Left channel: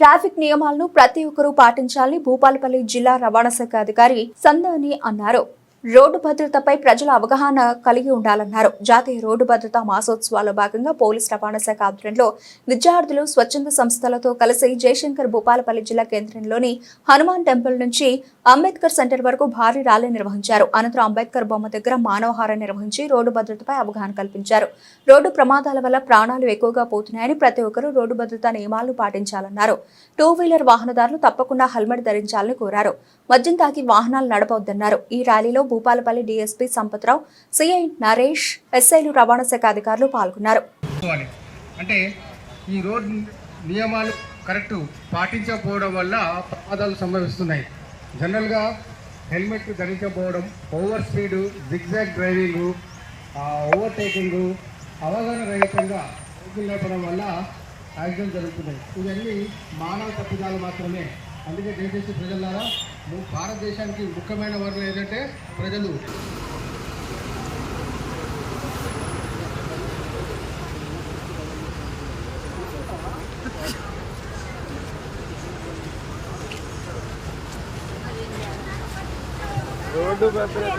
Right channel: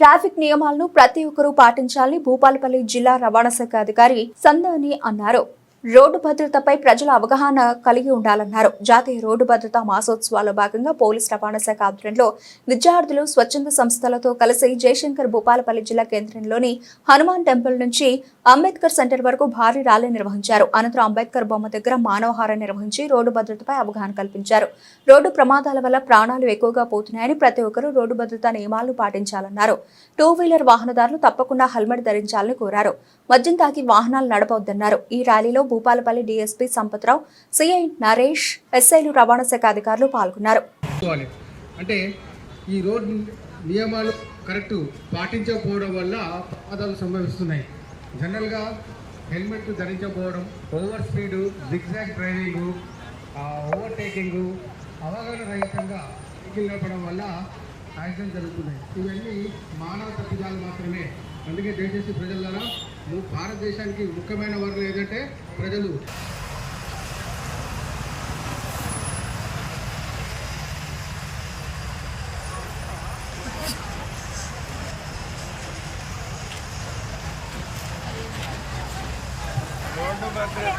Traffic నియమాలను ప్రతి ఒక్కరూ పాటించాలని భూపాలపల్లి జిల్లా రవాణా శాఖ అధికారి సందాని అన్నారు. రోడ్డు భద్రతపై ప్రజల అవగాహన కలిగి ఉండాలన్నారు. జాతీయ రోడ్డు భద్రతా మాసోత్సవాల్లో భాగంగా పోలీస్ రవాణా శాఖ ఆధ్వర్యంలో విద్యార్థులు స్వచ్ఛంద సంస్థలతో కలిసి జయశంకర్ భూపాలపల్లి జిల్లా కేంద్రంలోని హనుమాన్ టెంపుల్ నుంచి అంబేద్కర్ సెంటర్ వరకు భారీ ర్యాలీ నిర్వహించారు. అనంతరం అంబేద్కర్ బొమ్మ దగ్గర మానవహారం నిర్వహించి రోడ్డు భద్రతపై అవగాహన కల్పించారు. రోడ్డు ప్రమాదాల వల్ల ప్రాణాలు ఎక్కువగా పోతున్నాయని ప్రతి ఒక్కరూ రోడ్డు భద్రతా నియమాలను పాటించాలన్నారు. టూ వీలర్ వాహనదారులు తప్పకుండా హెల్మెట్ ధరించాలని కోరారు. మద్యం తాగి వాహనాలు నడపవద్దన్నారు. ఈ ర్యాలీలో భూపాలపల్లి డీఎస్పీ సంపత్రావు సిఐ నరేష్ ఎస్ఐలు రవాణా శాఖ అధికారులు పాల్గొన్నారు. అంటే ఈ రోడ్ నియమాలు కరెక్ట్ పాటించకపోవడం వల్ల ప్రమాదాలు సంభవిస్తున్నాయి. జనరల్గా helmet ధరించకపోవడం over speed zigzag driving overtaking అవగాహన రహితంగా సైకిల్ నడపడం వల్ల యాక్సిడెంట్ జరుగుతున్నాయి. ఇవన్నీ మానవ తప్పిదాలు మాత్రమే. అందుకే దయచేసి ప్రజలారా భారతదేశానికి ముఖ్యమైన వర్గం ఏదంటే ప్రజలు. రోడ్డు భద్రత